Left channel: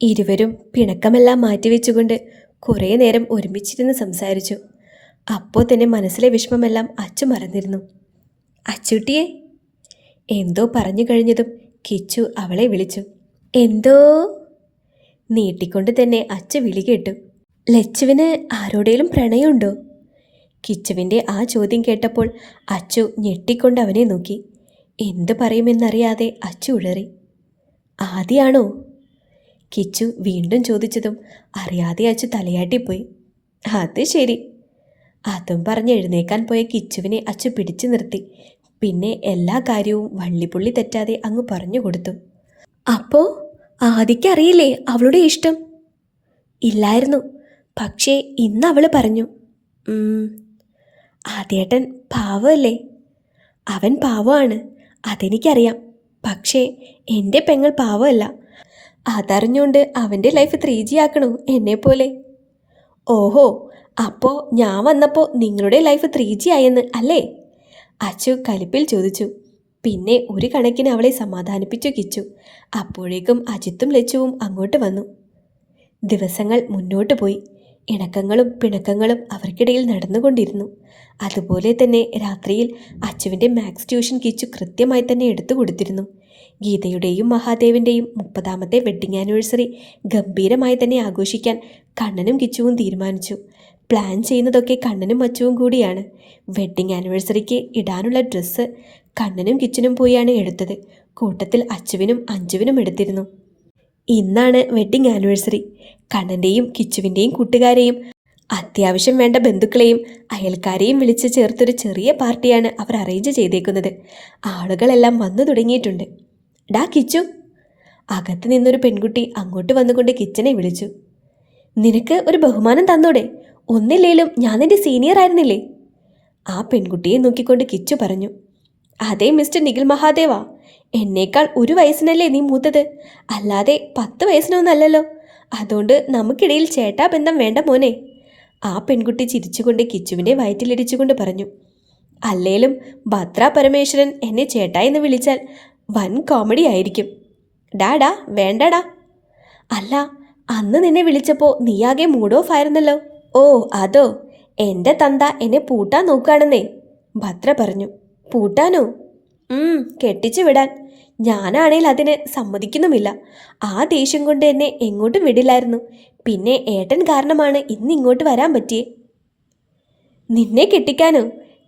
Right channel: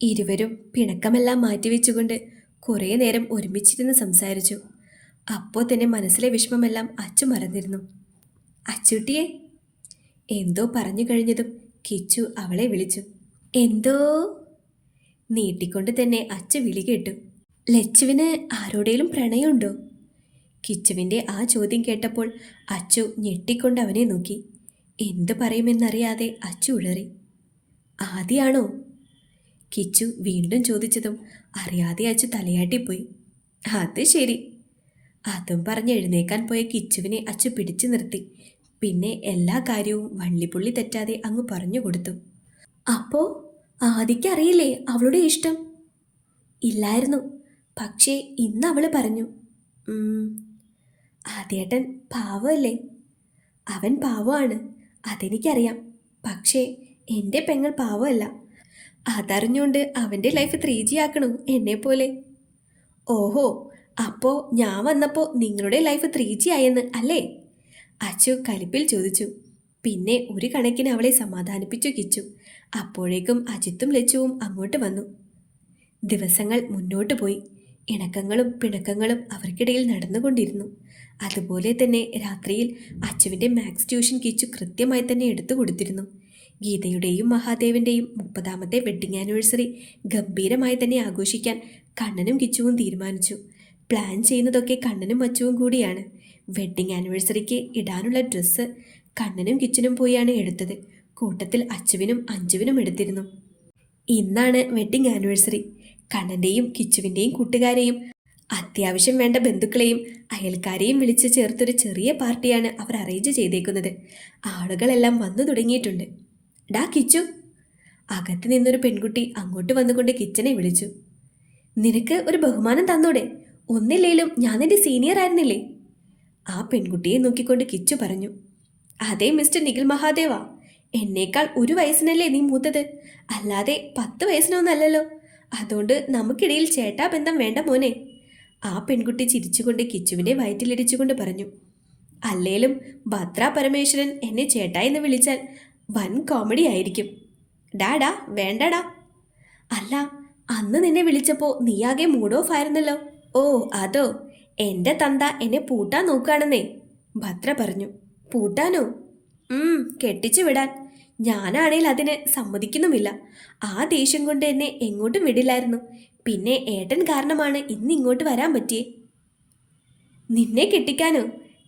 ഇരുവരും പിണക്കമെല്ലാം മാറ്റിവെച്ചുകൊണ്ട് കുറേ നേരം ഒരുമിച്ചിരുന്ന് സംസാരിച്ചു. അപ്പോൾ തന്നെ മനസ്സിലെ വിഷമമെല്ലാം അച്ചു മറന്നിരുന്നു. അച്ചുട്ടിയെ എന്തോ പറഞ്ഞു കഴിഞ്ഞതും കിച്ചു അവളെ വിളിച്ചു. എന്തോ നീട്ടിക്കൊണ്ട് തന്നെ അച്ചു വിളി കേട്ടു. ലച്ചുവിന് ആരോടേലും പ്രണയമുണ്ടോ? കിച്ചുവിൻ്റെ ആ ചോദ്യം കേട്ടപ്പോൾ അച്ചു ഞെട്ടിക്കൊണ്ട് അവനെ നോക്കി. എന്തു പറയുമെന്നറിയാതെ അച്ചു ഉഴറി. ആദിയാണോ? കിച്ചു വീണ്ടും ചോദിച്ചതും അറിയാതെ അച്ചു തലയാട്ടിപ്പോയി. അത് ശരി. അതും പറഞ്ഞ് എഴുന്നേക്കാൻ പോയ കിച്ചുവിനെ അച്ചു പിടിച്ചു നിർത്തി. പിന്നെ എല്ലാ കാര്യവും വള്ളിപുള്ളി തെറ്റാതെ അങ്ങ് പറഞ്ഞു കൊടുത്തു. അപ്പോൾ ആദിക്കറിയില്ലേ അവളുടെ ഇഷ്ടം? ഇല്ലായിരുന്നു, പക്ഷേ ഇന്ന് അവൾ പറഞ്ഞു. ആദ്യേട്ടൻ പാവമല്ലേ? അവൻ പാവമാണ്, അതെനിക്കറിയാം. പക്ഷേ എൻ്റെ പെങ്ങൾ പാവമല്ല. അതറിഞ്ഞുകൊണ്ട് അവൻ്റെ ലൈഫ് 3G ആക്കണോ എന്നെപ്പോലെ? ഓഹോ, അപ്പോൾ ഞാൻ വന്നപ്പോൾ നിങ്ങളുടെ ലൈഫ് 3G ആയെന്ന് അല്ലേ? അച്ചു കലിപ്പിൽ ചോദിച്ചു. പിന്നെ ഒരു കണക്കിന് അവളെ സമാധാനിപ്പിച്ചു കിച്ചു. അപ്പോഴേക്കും അജിത്തും ലച്ചുവും അങ്ങോട്ട് വന്നു. ദിവസങ്ങൾ മുന്നോട്ട് പോയി. ഇണക്കങ്ങളും പിണക്കങ്ങളും അവർക്കിടയിൽ നടന്നുകൊണ്ടിരുന്നു. അതുപോലെ തന്നെ രാത്രിയിൽ അച്ചുവിൻ്റെ മാത്സ് ട്യൂഷൻ കിച്ചു കൃത്യമായി തന്നെ എടുത്തു കൊടുത്തിരുന്നു. ഗീതയുടെയും മഹാദേവിൻ്റെയും 30ാമത്തെ വെഡ്ഡിംഗ് ആനിവേഴ്സറി ഗംഭീരമായി തന്നെ ആഘോഷിക്കാൻ കണ്ണനും കിച്ചുവും തീരുമാനിച്ചു. പ്ലാൻ ചെയ്യുന്നതൊക്കെ കണ്ണനും അച്ചുവും കൂടിയാണ്. വെഡ്ഡിംഗ് ആനിവേഴ്സറിക്ക് ഇടാനുള്ള ഡ്രസ്സ് കണ്ണനും കിച്ചനും പോയാണ് എടുത്തത്. കൂട്ടത്തിൽ അച്ചുവിനും അഞ്ജുവിനും എടുത്തിരുന്നു. ഇന്നാണ് വെഡ്ഡിംഗ് ആനിവേഴ്സറി. കണ്ണൻ്റെയും കിച്ചുവിൻ്റെയും കൂട്ടുകാരെയും അത്യാവശ്യം വേണ്ട ബന്ധുക്കളെയും അയൽക്കാരെയും വിളിച്ച് ചേർത്തൊരു ചെറിയ പാർട്ടിയാണ് അവർ അറേഞ്ച് ചെയ്തേക്കുന്നത്. ആളുകളെല്ലാം വന്നു തുടങ്ങിയിട്ടുണ്ട്. ഡാ കിച്ചു, അകത്ത് നിന്നൊരു പെൺകുട്ടി അങ്ങോട്ട് വന്നുകൊണ്ട് കിച്ചനെ വിളിച്ചു. നിനക്ക് ഒരു ബഹുമാനം തന്നോടെ? ഒന്നില്ലേലും ഞാൻ നിന്റെ സീനിയർ ആയിരുന്നില്ലേ? ആ പെൺകുട്ടിയെ നോക്കിക്കൊണ്ട് കിച്ചു പറഞ്ഞു. അതേ മിസ്റ്റർ നിഖിൽ മഹാദേവ, എന്നേക്കാൾ 1 വയസ്സിനല്ലേ നീ മൂത്തത്, അല്ലാതെ 10 വയസ്സിനൊന്നല്ലല്ലോ. അതുകൊണ്ട് നമുക്കിടയിൽ ചേട്ടാ ബന്ധം വേണ്ട മോനെ. ആ പെൺകുട്ടി ചിരിച്ചുകൊണ്ട് കിച്ചുവിൻ്റെ വയറ്റിലിടിച്ചുകൊണ്ട് പറഞ്ഞു. അല്ലേലും ഭദ്ര പരമേശ്വരൻ എന്നെ ചേട്ടാ എന്ന് വിളിച്ചാൽ വൻ കോമഡി ആയിരിക്കും. ഡാ വേണ്ടടാ. അല്ല, അന്ന് നിന്നെ വിളിച്ചപ്പോൾ നീയാകെ മൂഡ് ഓഫ് ആയിരുന്നല്ലോ. ഓ അതോ, എൻ്റെ തന്ത എന്നെ പൂട്ടാൻ നോക്കുകയാണെന്നേ, ഭദ്ര പറഞ്ഞു. പൂട്ടാനോ? കെട്ടിച്ചു വിടാൻ. ഞാനാണേൽ അതിന് സമ്മതിക്കുന്നുമില്ല. ആ ദേഷ്യം കൊണ്ട് എന്നെ എങ്ങോട്ടും വിടില്ലായിരുന്നു. പിന്നെ ഏട്ടൻ കാരണമാണ് ഇന്ന് ഇങ്ങോട്ട് വരാൻ പറ്റിയേ. നിന്നെ കെട്ടിക്കാനോ?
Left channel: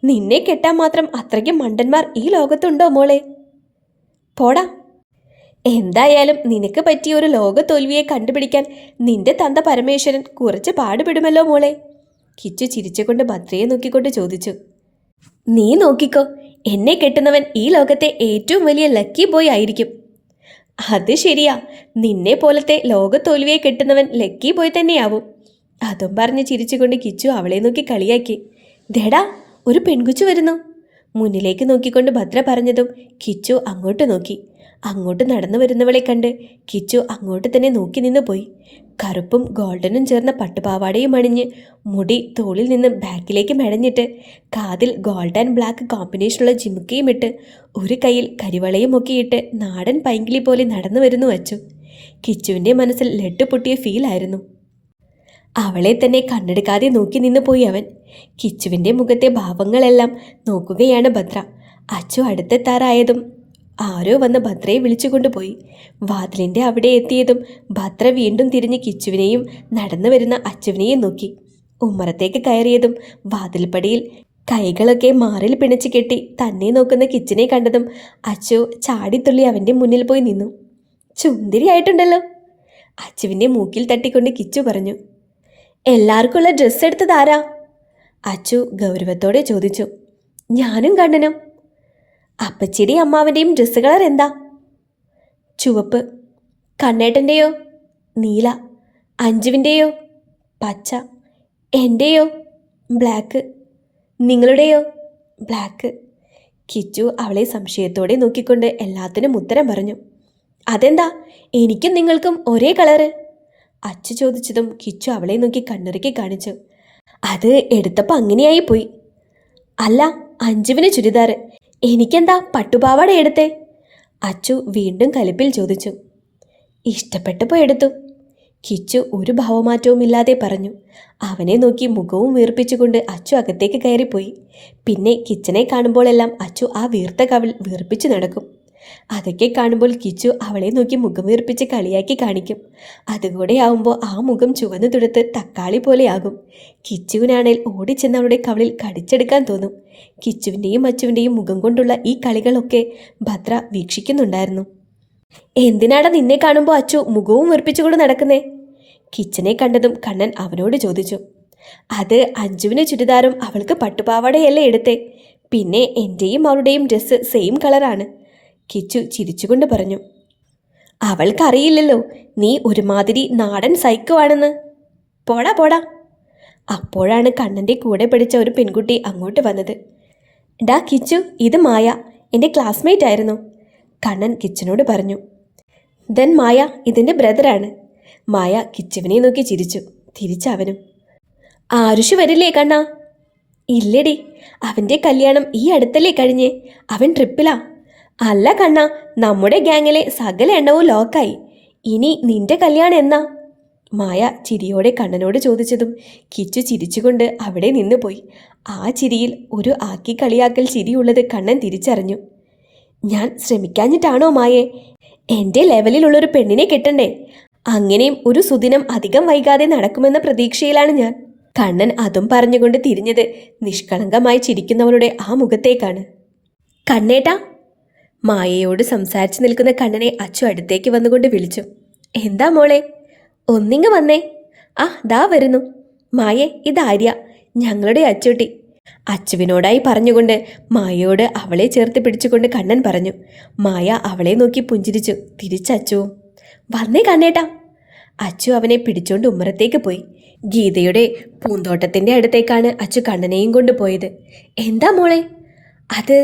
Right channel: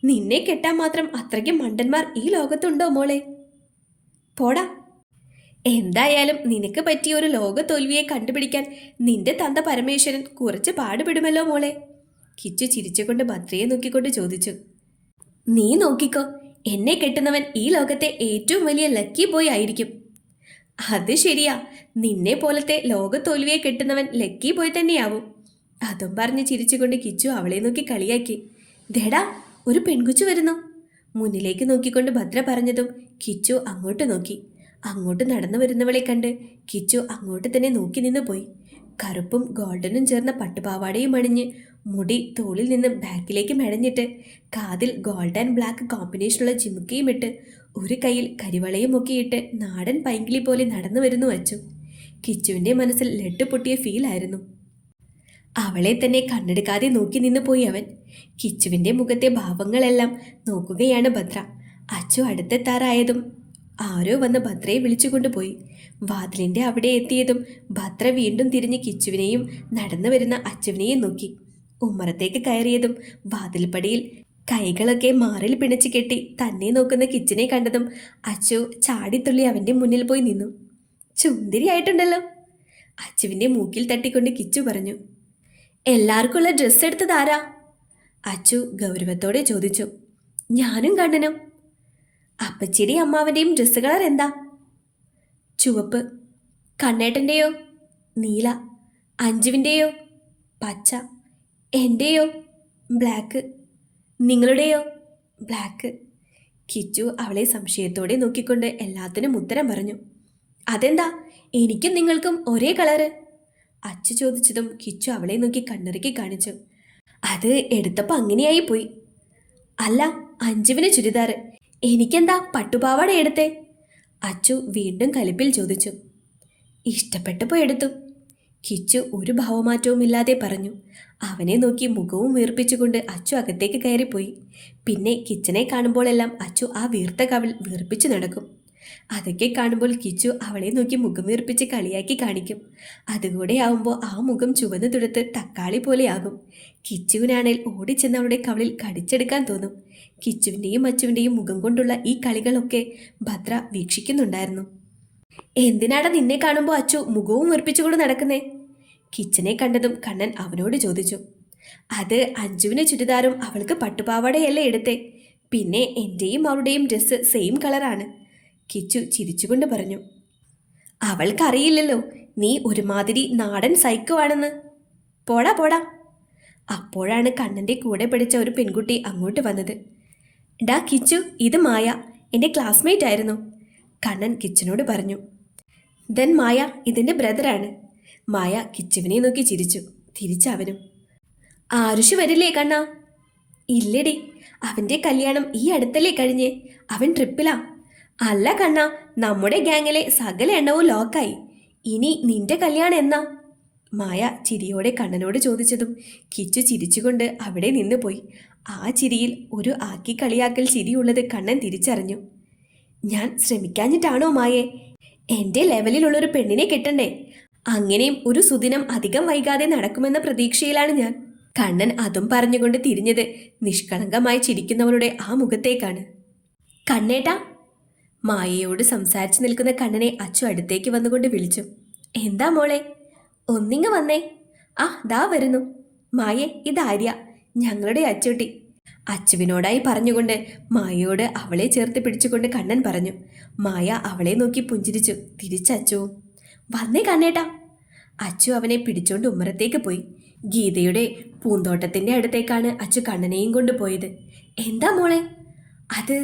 നിന്നെ കെട്ടാൻ മാത്രം അത്രയ്ക്കും മണ്ടന്മാർ ഈ ലോകത്തുണ്ടോ മോളെ? പോടാ. എന്തായാലും നിനക്ക് പറ്റിയ ഒരു ലോക തോൽവിയെ കണ്ടുപിടിക്കാൻ നിന്റെ തന്ത പരമേശ്വരൻ കുറച്ച് പാടുപെടുമല്ലോ മോളെ. കിച്ചു ചിരിച്ചുകൊണ്ട് ഭദ്രയെ നോക്കിക്കൊണ്ട് ചോദിച്ചു. നീ നോക്കിക്കോ, എന്നെ കെട്ടുന്നവൻ ഈ ലോകത്തെ ഏറ്റവും വലിയ ലക്കി ബോയ് ആയിരിക്കും. അത് ശരിയാ, നിന്നെ പോലത്തെ ലോക തോൽവിയെ കെട്ടുന്നവൻ ലക്കി ബോയ് തന്നെയാവും. അതും പറഞ്ഞ് ചിരിച്ചുകൊണ്ട് കിച്ചു അവളെ നോക്കി കളിയാക്കി. ദേടാ, ഒരു പെൺകുച്ചു വരുന്നു. മുന്നിലേക്ക് നോക്കിക്കൊണ്ട് ഭദ്ര പറഞ്ഞതും കിച്ചു അങ്ങോട്ട് നോക്കി. അങ്ങോട്ട് നടന്നു വരുന്നവളെ കണ്ട് കിച്ചു അങ്ങോട്ട് തന്നെ നോക്കി നിന്ന് പോയി. കറുപ്പും ഗോൾഡനും ചേർന്ന പട്ടുപാവാടയും അണിഞ്ഞ് മുടി തോളിൽ നിന്ന് ബാക്കിലേക്ക് മെടഞ്ഞിട്ട് കാതിൽ ഗോൾഡ് ആൻഡ് ബ്ലാക്ക് കോമ്പിനേഷനുള്ള ജിമുക്കയും ഇട്ട് ഒരു കയ്യിൽ കരിവളയും ഒക്കെ ഇട്ട് നാടൻ പൈങ്കിളി പോലെ നടന്നു വരുന്നു അച്ചു. കിച്ചുവിൻ്റെ മനസ്സിൽ ലഡ്ഡു പൊട്ടിയ ഫീലായിരുന്നു. അവളെ തന്നെ കണ്ണെടുക്കാതെ നോക്കി നിന്ന് പോയി അവൻ. കിച്ചുവിൻ്റെ മുഖത്തെ ഭാവങ്ങളെല്ലാം നോക്കുകയാണ് ഭദ്ര. അച്ചു അടുത്തെത്താറായതും ആരോ വന്ന് ഭദ്രയെ വിളിച്ചുകൊണ്ടുപോയി. വാതിലിൻ്റെ അവിടെ എത്തിയതും ഭദ്ര വീണ്ടും തിരിഞ്ഞ് കിച്ചുവിനെയും നടന്നു വരുന്ന അച്ചുവിനെയും നോക്കി. ഉമ്മറത്തേക്ക് കയറിയതും വാതിൽപ്പടിയിൽ കൈകളൊക്കെ മാറിൽ പിണച്ച് കെട്ടി തന്നെ നോക്കുന്ന കിച്ചനെ കണ്ടതും അച്ചു ചാടിത്തുള്ളി അവൻ്റെ മുന്നിൽ പോയി നിന്നു. ചുന്തിരിയായിട്ടുണ്ടല്ലോ, അച്ചുവിൻ്റെ മൂക്കിൽ തട്ടിക്കൊണ്ട് കിച്ചു പറഞ്ഞു. എല്ലാവർക്കുള്ള ഡ്രസ്സ് എടുത്തതാരാ? അച്ചു ഗൗരവത്തോടെ ചോദിച്ചു. ഞാനും കണ്ണനും. അപ്പച്ചിയുടെയും അമ്മാവൻ്റെയും ഡ്രസ്സ് കളർ എന്താ? ചുവപ്പ്. കണ്ണേട്ടൻ്റെയോ? നീല. അഞ്ജുവിൻ്റെയോ? പച്ച. എൻ്റെയോ? ബ്ലാക്ക്. നിങ്ങളുടെയോ? ബ്ലാക്ക്. കിച്ചു അവളെ സംശയത്തോടെ നോക്കിക്കൊണ്ട് എല്ലാത്തിനും ഉത്തരം പറഞ്ഞു. അതെന്താ എനിക്കും നിങ്ങൾക്കും ഒരേ കളറ്? അച്ചു ചോദിച്ചതും കിച്ചു അവളെ നോക്കി കണ്ണിറുക്കി കാണിച്ചു. അത് എടുത്തപ്പോൾ അങ്ങനെയായി പോയി. അല്ല, അഞ്ജുവിന് ചുരിദാർ, എനിക്കെന്താ പട്ടുപാവാട എടുത്തേ? അച്ചു വീണ്ടും കലിപ്പിൽ ചോദിച്ചു. ഇഷ്ടപ്പെട്ടപ്പോൾ എടുത്തു. കിച്ചു ഒരു ഭാവമാറ്റവുമില്ലാതെ പറഞ്ഞു. അവനെ നോക്കി മുഖവും വീർപ്പിച്ചുകൊണ്ട് അച്ചു അകത്തേക്ക് കയറിപ്പോയി. പിന്നെ കിച്ചനെ കാണുമ്പോഴെല്ലാം അച്ചു ആ വീർത്ത കവിൾ വീർപ്പിച്ചു നടക്കും. അതൊക്കെ കാണുമ്പോൾ കിച്ചു അവളെ നോക്കി മുഖം വീർപ്പിച്ച് കളിയാക്കി കാണിക്കും. അതുകൂടെ ആവുമ്പോൾ ആ മുഖം ചുവന്നു തുടുത്ത് തക്കാളി പോലെയാകും. കിച്ചുവിനാണേൽ ഓടിച്ചെന്ന് അവളുടെ കവിളിൽ കടിച്ചെടുക്കാൻ തോന്നും. കിച്ചുവിൻ്റെയും അച്ചുവിൻ്റെയും മുഖം കൊണ്ടുള്ള ഈ കളികളൊക്കെ ഭദ്ര വീക്ഷിക്കുന്നുണ്ടായിരുന്നു. എന്തിനാടാ നിന്നെ കാണുമ്പോൾ അച്ചു മുഖവും വീർപ്പിച്ചുകൊണ്ട് നടക്കുന്നേ? കിച്ചനെ കണ്ടതും കണ്ണൻ അവനോട് ചോദിച്ചു. അത് അഞ്ജുവിന് ചുരിദാറും അവൾക്ക് പട്ടുപാവാടയല്ലേ എടുത്തേ, പിന്നെ എൻ്റെയും അവളുടെയും ഡ്രസ്സ് സെയിം കളറാണ്. കിച്ചു ചിരിച്ചുകൊണ്ട് പറഞ്ഞു. അവൾക്കറിയില്ലല്ലോ നീ ഒരുമാതിരി നാടൻ സൈക്കോ ആണെന്ന്. പോടാ പോടാ. അപ്പോഴാണ് കണ്ണൻ്റെ കൂടെ പഠിച്ച ഒരു പെൺകുട്ടി അങ്ങോട്ട് വന്നത്. ഡാ കിച്ചു, ഇത് മായ, എൻ്റെ ക്ലാസ്മേറ്റ് ആയിരുന്നു. കണ്ണൻ കിച്ചനോട് പറഞ്ഞു. ദെൻ മായ ഇതിൻ്റെ ബ്രദറാണ്. മായ കിച്ചുവിനെ നോക്കി ചിരിച്ചു. തിരിച്ചവനും. ആരുഷ് വരില്ലേ കണ്ണാ? ഇല്ലടി, അവൻ്റെ കല്യാണം ഈ അടുത്തല്ലേ കഴിഞ്ഞേ, അവൻ ട്രിപ്പിലാ. അല്ല കണ്ണാ, നമ്മുടെ ഗ്യാങ്ങിലെ സകല എണ്ണവും ലോക്കായി. ഇനി നിന്റെ കല്യാണം എന്നാ? മായ ചിരിയോടെ കണ്ണനോട് ചോദിച്ചതും കിച്ചു ചിരിച്ചുകൊണ്ട് അവിടെ നിന്ന് പോയി. ആ ചിരിയിൽ ഒരു ആക്കി കളിയാക്കൽ ചിരിയുള്ളത് കണ്ണൻ തിരിച്ചറിഞ്ഞു. ഞാൻ ശ്രമിക്കാഞ്ഞിട്ടാണോ മായേ? എൻ്റെ ലെവലിലുള്ളൊരു പെണ്ണിനെ കിട്ടണ്ടേ? അങ്ങനെയും ഒരു സുദിനം അധികം വൈകാതെ നടക്കുമെന്ന പ്രതീക്ഷയിലാണ് ഞാൻ. കണ്ണൻ അതും പറഞ്ഞുകൊണ്ട് തിരിഞ്ഞത് നിഷ്കളങ്കമായി ചിരിക്കുന്നവളുടെ ആ മുഖത്തേക്കാണ്. കണ്ണേട്ടാ. മായയോട് സംസാരിച്ചു നിൽക്കുന്ന കണ്ണനെ അച്ചു അടുത്തേക്ക് വന്നുകൊണ്ട് വിളിച്ചു. എന്താ മോളെ, ഒന്നിങ്ങ് വന്നേ. ആ ദാ വരുന്നു. മായേ, ഇതാര്യ, ഞങ്ങളുടെ അച്ചുട്ടി. അച്ചുവിനോടായി പറഞ്ഞുകൊണ്ട് മായയോട് അവളെ ചേർത്ത് പിടിച്ചുകൊണ്ട് കണ്ണൻ പറഞ്ഞു. മായ അവളെ നോക്കി പുഞ്ചിരിച്ചു. തിരിച്ചച്ചുവും. വന്നേ കണ്ണേട്ടാ. അച്ചു അവനെ പിടിച്ചോണ്ട് ഉമ്മറത്തേക്ക് പോയി. ഗീതയുടെ പൂന്തോട്ടത്തിൻ്റെ അടുത്തേക്കാണ് അച്ചു കണ്ണനെയും കൊണ്ട് പോയത്. എന്താ മോളെ? അത്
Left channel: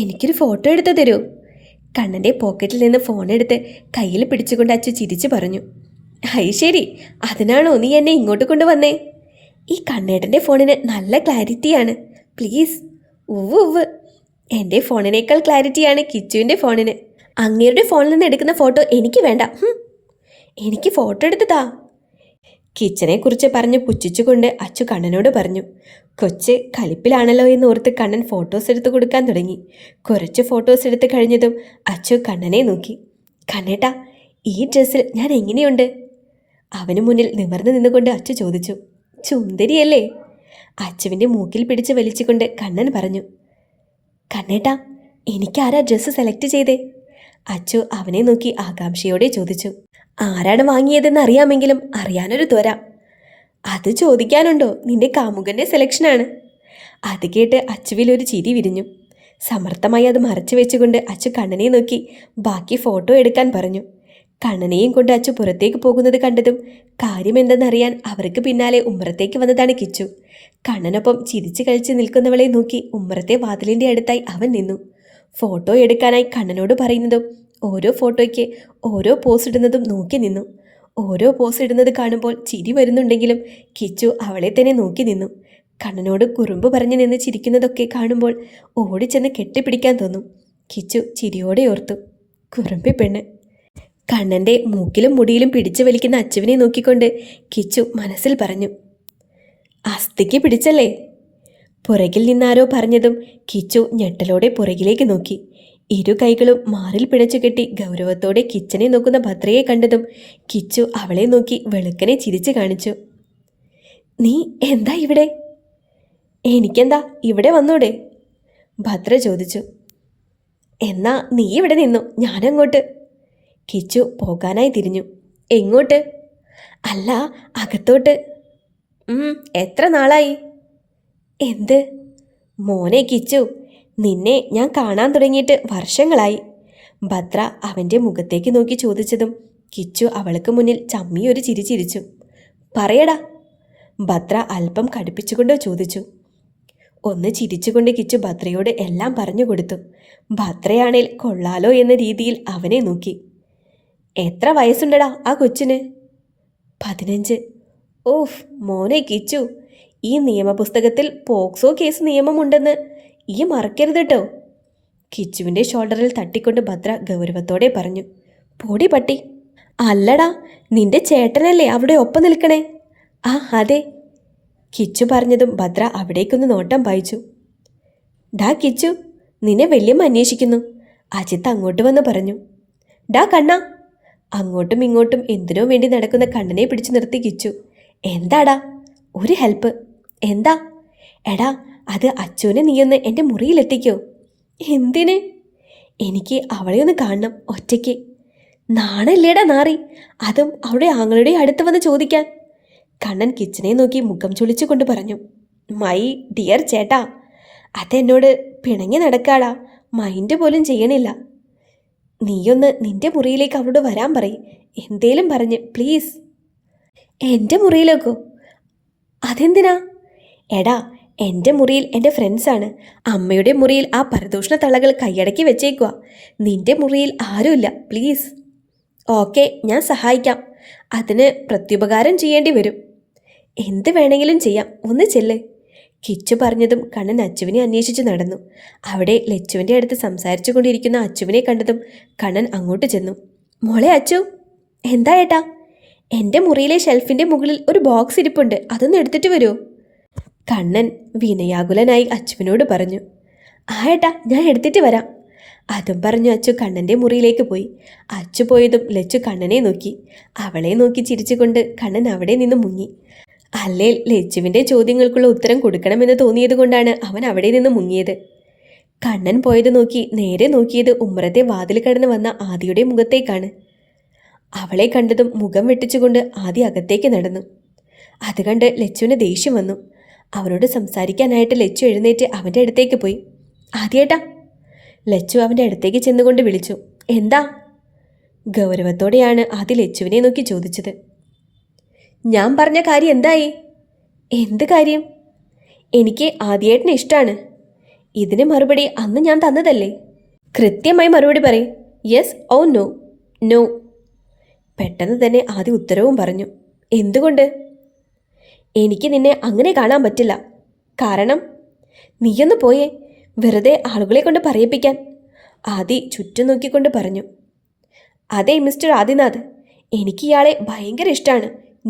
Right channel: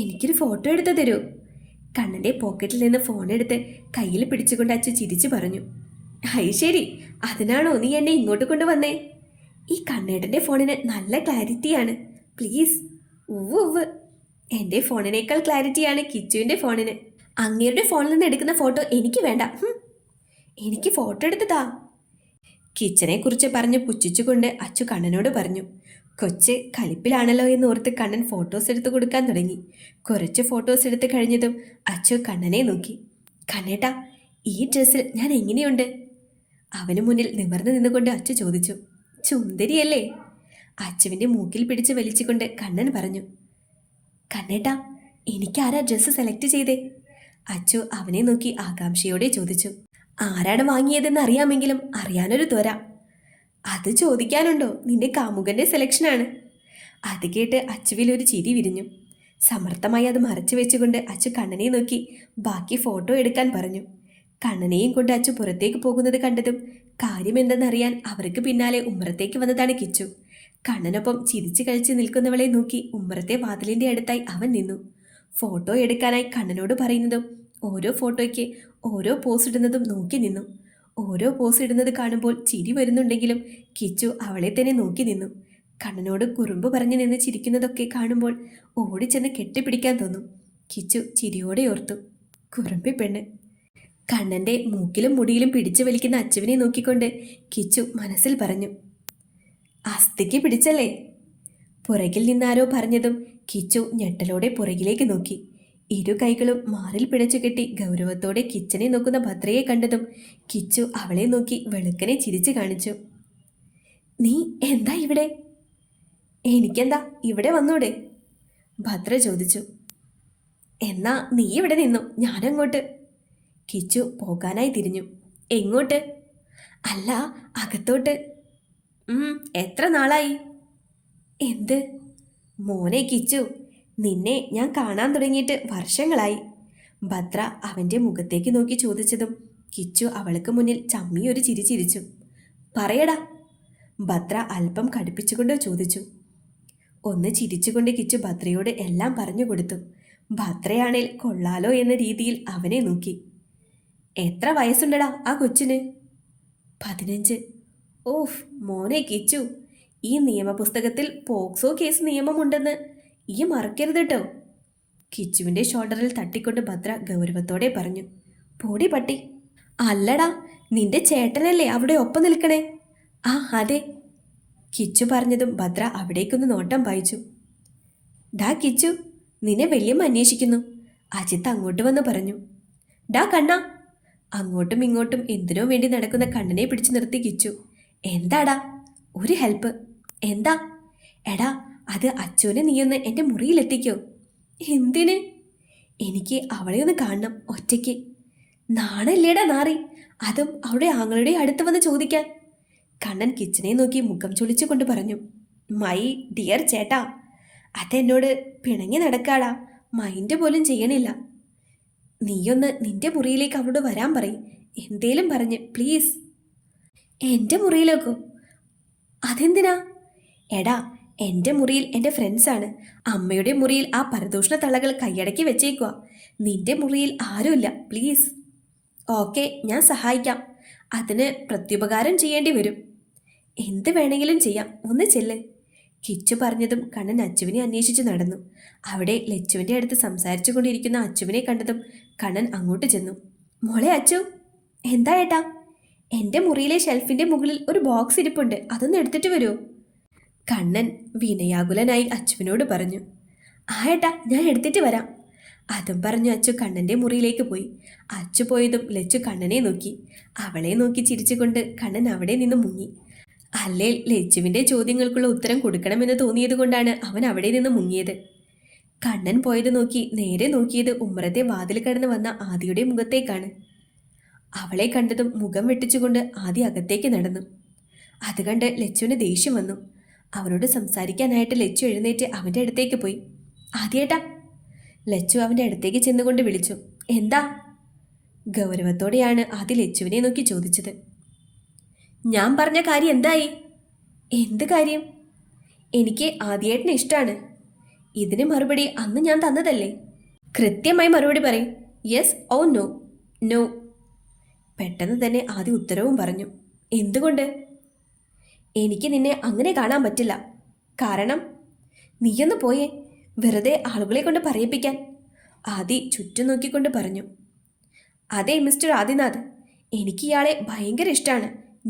എനിക്കൊരു ഫോട്ടോ എടുത്ത് തരൂ. കണ്ണൻ്റെ പോക്കറ്റിൽ നിന്ന് ഫോണെടുത്ത് കയ്യിൽ പിടിച്ചുകൊണ്ട് അച്ചു ചിരിച്ചു പറഞ്ഞു. ഹൈ ശരി, അതിനാണോ നീ എന്നെ ഇങ്ങോട്ട് കൊണ്ടുവന്നേ? ഈ കണ്ണേട്ടൻ്റെ ഫോണിന് നല്ല ക്ലാരിറ്റിയാണ്, പ്ലീസ്. ഉവ്വ്. എൻ്റെ ഫോണിനേക്കാൾ ക്ലാരിറ്റിയാണ് കിച്ചുവിൻ്റെ ഫോണിന്. അങ്ങേരുടെ ഫോണിൽ നിന്ന് എടുക്കുന്ന ഫോട്ടോ എനിക്ക് വേണ്ട. എനിക്ക് ഫോട്ടോ എടുത്തതാ. കിച്ചനെ കുറിച്ച് പറഞ്ഞ് പുച്ഛിച്ചുകൊണ്ട് അച്ചു കണ്ണനോട് പറഞ്ഞു. കൊച്ച് കലിപ്പിലാണല്ലോ എന്ന് ഓർത്ത് കണ്ണൻ ഫോട്ടോസ് എടുത്ത് കൊടുക്കാൻ തുടങ്ങി. കുറച്ച് ഫോട്ടോസ് എടുത്ത് കഴിഞ്ഞതും അച്ചു കണ്ണനെ നോക്കി. കണ്ണേട്ടാ, ഈ ഡ്രസ്സിൽ ഞാൻ എങ്ങനെയുണ്ട്? അവന് മുന്നിൽ നിവർന്നു നിന്നുകൊണ്ട് അച്ചു ചോദിച്ചു. സുന്ദരിയല്ലേ? അച്ചുവിൻ്റെ മൂക്കിൽ പിടിച്ച് വലിച്ചുകൊണ്ട് കണ്ണൻ പറഞ്ഞു. കണ്ണേട്ടാ, എനിക്കാരാ ഡ്രസ്സ് സെലക്ട് ചെയ്തേ? അച്ചു അവനെ നോക്കി ആകാംക്ഷയോടെ ചോദിച്ചു. ആരാണ് വാങ്ങിയതെന്ന് അറിയാമെങ്കിലും അറിയാനൊരു ത്വര. അത് ചോദിക്കാനുണ്ടോ? നിന്റെ കാമുകൻ്റെ സെലക്ഷനാണ്. അത് കേട്ട് അച്ചുവിലൊരു ചിരി വിരിഞ്ഞു. സമർത്ഥമായി അത് മറച്ചു വെച്ചുകൊണ്ട് അച്ചു കണ്ണനെ നോക്കി ബാക്കി ഫോട്ടോ എടുക്കാൻ പറഞ്ഞു. കണ്ണനെയും കൊണ്ട് അച്ചു പുറത്തേക്ക് പോകുന്നത് കണ്ടതും കാര്യമെന്തെന്നറിയാൻ അവർക്ക് പിന്നാലെ ഉമ്മറത്തേക്ക് വന്നതാണ് കിച്ചു. കണ്ണനൊപ്പം ചിരിച്ചു കഴിച്ച് നിൽക്കുന്നവളെ നോക്കി ഉമ്മറത്തെ വാതിലിൻ്റെ അടുത്തായി അവൻ നിന്നു. ഫോട്ടോ എടുക്കാനായി കണ്ണനോട് പറയുന്നതും ഓരോ ഫോട്ടോയ്ക്ക് ഓരോ പോസ് ഇടുന്നതും നോക്കി നിന്നു. ഓരോ പോസ് ഇടുന്നത് കാണുമ്പോൾ ചിരി വരുന്നുണ്ടെങ്കിലും കിച്ചു അവളെ തന്നെ നോക്കി നിന്നു. കണ്ണനോട് കുറുമ്പ് പറഞ്ഞു നിന്ന് ചിരിക്കുന്നതൊക്കെ കാണുമ്പോൾ ഓടിച്ചെന്ന് കെട്ടിപ്പിടിക്കാൻ തോന്നും. കിച്ചു ചിരിയോടെ ഓർത്തു. കുറുമ്പി പെണ്ണ്. കണ്ണൻ്റെ മൂക്കിലും മുടിയിലും പിടിച്ചു വലിക്കുന്ന അച്ചുവിനെ നോക്കിക്കൊണ്ട് കിച്ചു മനസ്സിൽ പറഞ്ഞു. അസ്ഥിക്ക് പിടിച്ചല്ലേ? പുറകിൽ നിന്നാരോ പറഞ്ഞതും കിച്ചു ഞെട്ടലോടെ പുറകിലേക്ക് നോക്കി. ഇരു കൈകളും മാറിൽ പിടച്ചു കെട്ടി ഗൗരവത്തോടെ കിച്ചനെ നോക്കുന്ന ഭദ്രയെ കണ്ടതും കിച്ചു അവളെ നോക്കി വെളുക്കനെ ചിരിച്ചു കാണിച്ചു. നീ എന്താ ഇവിടെ? എനിക്കെന്താ, ഇവിടെ വന്നൂടെ? ഭദ്ര ചോദിച്ചു. എന്നാ നീ ഇവിടെ നിന്നു, ഞാനങ്ങോട്ട്. കിച്ചു പോകാനായി തിരിഞ്ഞു. എങ്ങോട്ട്? അല്ല, അകത്തോട്ട്. എത്ര നാളായി? എന്ത്? മോനെ കിച്ചു, നിന്നെ ഞാൻ കാണാൻ തുടങ്ങിയിട്ട് വർഷങ്ങളായി. ഭദ്ര അവൻ്റെ മുഖത്തേക്ക് നോക്കി ചോദിച്ചതും കിച്ചു അവൾക്ക് മുന്നിൽ ചമ്മിയൊരു ചിരി ചിരിച്ചു. പറയടാ. ഭദ്ര അല്പം കടുപ്പിച്ചുകൊണ്ട് ചോദിച്ചു. ഒന്ന് ചിരിച്ചുകൊണ്ട് കിച്ചു ഭദ്രയോട് എല്ലാം പറഞ്ഞു കൊടുത്തു. ഭദ്രയാണേൽ കൊള്ളാലോ എന്ന രീതിയിൽ അവനെ നോക്കി. എത്ര വയസ്സുണ്ടടാ ആ കൊച്ചിന്? 15. ഓഫ് മോനെ കിച്ചു, ഈ നിയമപുസ്തകത്തിൽ പോക്സോ കേസ് നിയമമുണ്ടെന്ന് ഈ മറക്കരുത് കേട്ടോ. കിച്ചുവിൻ്റെ ഷോൾഡറിൽ തട്ടിക്കൊണ്ട് ഭദ്ര ഗൗരവത്തോടെ പറഞ്ഞു. പൊടി പട്ടി. അല്ലടാ, നിന്റെ ചേട്ടനല്ലേ അവിടെ ഒപ്പം നിൽക്കണേ? ആ അതെ. കിച്ചു പറഞ്ഞതും ഭദ്ര അവിടേക്കൊന്ന് നോട്ടം പായിച്ചു. ഡാ കിച്ചു, നിന്നെ വല്യമ്മ അന്വേഷിക്കുന്നു. അജിത്ത് അങ്ങോട്ട് വന്ന് പറഞ്ഞു. ഡാ കണ്ണ. അങ്ങോട്ടും ഇങ്ങോട്ടും എന്തിനോ വേണ്ടി നടക്കുന്ന കണ്ണനെ പിടിച്ചു നിർത്തി കിച്ചു. എന്താടാ? ഒരു ഹെൽപ്പ്. എന്താ? എടാ, അത് അച്ചുവിനെ നീയൊന്ന് എൻ്റെ മുറിയിലെത്തിക്കോ. എന്തിന്? എനിക്ക് അവളെ ഒന്ന് കാണണം, ഒറ്റയ്ക്ക്. നാണല്ലേടാ നാറി, അതും അവിടെ ആങ്ങളുടെ അടുത്ത് വന്ന് ചോദിക്കാൻ. കണ്ണൻ കിച്ചനെ നോക്കി മുഖം ചുളിച്ചു കൊണ്ട് പറഞ്ഞു. മൈ ഡിയർ ചേട്ടാ, അതെന്നോട് പിണങ്ങി നടക്കാടാ, മൈൻഡ് പോലും ചെയ്യണില്ല. നീയൊന്ന് നിന്റെ മുറിയിലേക്ക് അവളോട് വരാൻ പറയും, എന്തേലും പറഞ്ഞ് പ്ലീസ്. എൻ്റെ മുറിയിലേക്കോ? അതെന്തിനാ? എടാ, എൻ്റെ മുറിയിൽ എൻ്റെ ഫ്രണ്ട്സാണ്. അമ്മയുടെ മുറിയിൽ ആ പരദൂഷണ തള്ളകൾ കൈയടക്കി വെച്ചേക്കുക. നിന്റെ മുറിയിൽ ആരുമില്ല, പ്ലീസ്. ഓക്കെ, ഞാൻ സഹായിക്കാം. അതിന് പ്രത്യുപകാരം ചെയ്യേണ്ടി വരും. എന്ത് വേണമെങ്കിലും ചെയ്യാം, ഒന്ന് ചെല്ല്. കിച്ചു പറഞ്ഞതും കണ്ണൻ അച്ചുവിനെ അന്വേഷിച്ച് നടന്നു. അവിടെ ലച്ചുവിൻ്റെ അടുത്ത് സംസാരിച്ചു കൊണ്ടിരിക്കുന്ന അച്ചുവിനെ കണ്ടതും കണ്ണൻ അങ്ങോട്ട് ചെന്നു. മോളെ അച്ചു. എന്താ ഏട്ടാ? എൻ്റെ മുറിയിലെ ഷെൽഫിൻ്റെ മുകളിൽ ഒരു ബോക്സ് ഇരിപ്പുണ്ട്, അതൊന്ന് എടുത്തിട്ട് വരുമോ? കണ്ണൻ വിനയാകുലനായി അച്ചുവിനോട് പറഞ്ഞു. ആ ഏട്ടാ, ഞാൻ എടുത്തിട്ട് വരാം. അതും പറഞ്ഞു അച്ചു കണ്ണൻ്റെ മുറിയിലേക്ക് പോയി. അച്ചു പോയതും ലച്ചു കണ്ണനെ നോക്കി. അവളെ നോക്കി ചിരിച്ചുകൊണ്ട് കണ്ണൻ അവിടെ നിന്ന് മുങ്ങി. അല്ലേ, ലച്ചുവിൻ്റെ ചോദ്യങ്ങൾക്കുള്ള ഉത്തരം കൊടുക്കണമെന്ന് തോന്നിയത് കൊണ്ടാണ് അവൻ അവിടെ നിന്ന് മുങ്ങിയത്. കണ്ണൻ പോയത് നോക്കി നേരെ നോക്കിയത് ഉമ്മറത്തെ വാതിൽ കടന്ന് വന്ന ആദിയുടെ മുഖത്തേക്കാണ്. അവളെ കണ്ടതും മുഖം വെട്ടിച്ചുകൊണ്ട് ആദി അകത്തേക്ക് നടന്നു. അത് കണ്ട് ലച്ചുവിന് ദേഷ്യം വന്നു. അവനോട് സംസാരിക്കാനായിട്ട് ലച്ചു എഴുന്നേറ്റ് അവൻ്റെ അടുത്തേക്ക് പോയി. ആദിയേട്ടാ. ലച്ചു അവൻ്റെ അടുത്തേക്ക് ചെന്നുകൊണ്ട് വിളിച്ചു. എന്താ? ഗൗരവത്തോടെയാണ് ആദി ലച്ചുവിനെ നോക്കി ചോദിച്ചത്. ഞാൻ പറഞ്ഞ കാര്യം എന്തായി? എന്ത് കാര്യം? എനിക്ക് ആദിയേട്ടനെ ഇഷ്ടമാണ്. ഇതിന് മറുപടി അന്ന് ഞാൻ തന്നതല്ലേ? കൃത്യമായി മറുപടി പറയും. Yes or no. നോ. പെട്ടെന്ന് തന്നെ ആദി ഉത്തരവും പറഞ്ഞു. എന്തുകൊണ്ട്? എനിക്ക് നിന്നെ അങ്ങനെ കാണാൻ പറ്റില്ല. കാരണം? നീയൊന്ന് പോയേ, വെറുതെ ആളുകളെ കൊണ്ട് പറയിപ്പിക്കാൻ. ആദി ചുറ്റും നോക്കിക്കൊണ്ട് പറഞ്ഞു. അതെ മിസ്റ്റർ ആദിനാഥ്, എനിക്ക് ഇയാളെ ഭയങ്കര ഇഷ്ടമാണ്,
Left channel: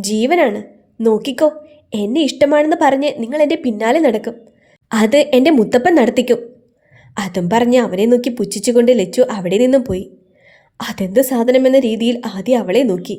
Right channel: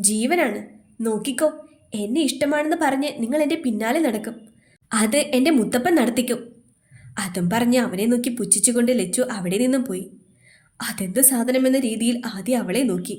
ജീവനാണ്. നോക്കിക്കോ, എന്നെ ഇഷ്ടമാണെന്ന് പറഞ്ഞ് നിങ്ങൾ എൻ്റെ പിന്നാലെ നടക്കും. അത് എൻ്റെ മുത്തപ്പൻ നടത്തിക്കും. അതും പറഞ്ഞ് അവനെ നോക്കി പുച്ഛിച്ചുകൊണ്ട് ലച്ചു അവിടെ നിന്നും പോയി. അതെന്ത് സാധനമെന്ന രീതിയിൽ ആദ്യം അവളെ നോക്കി.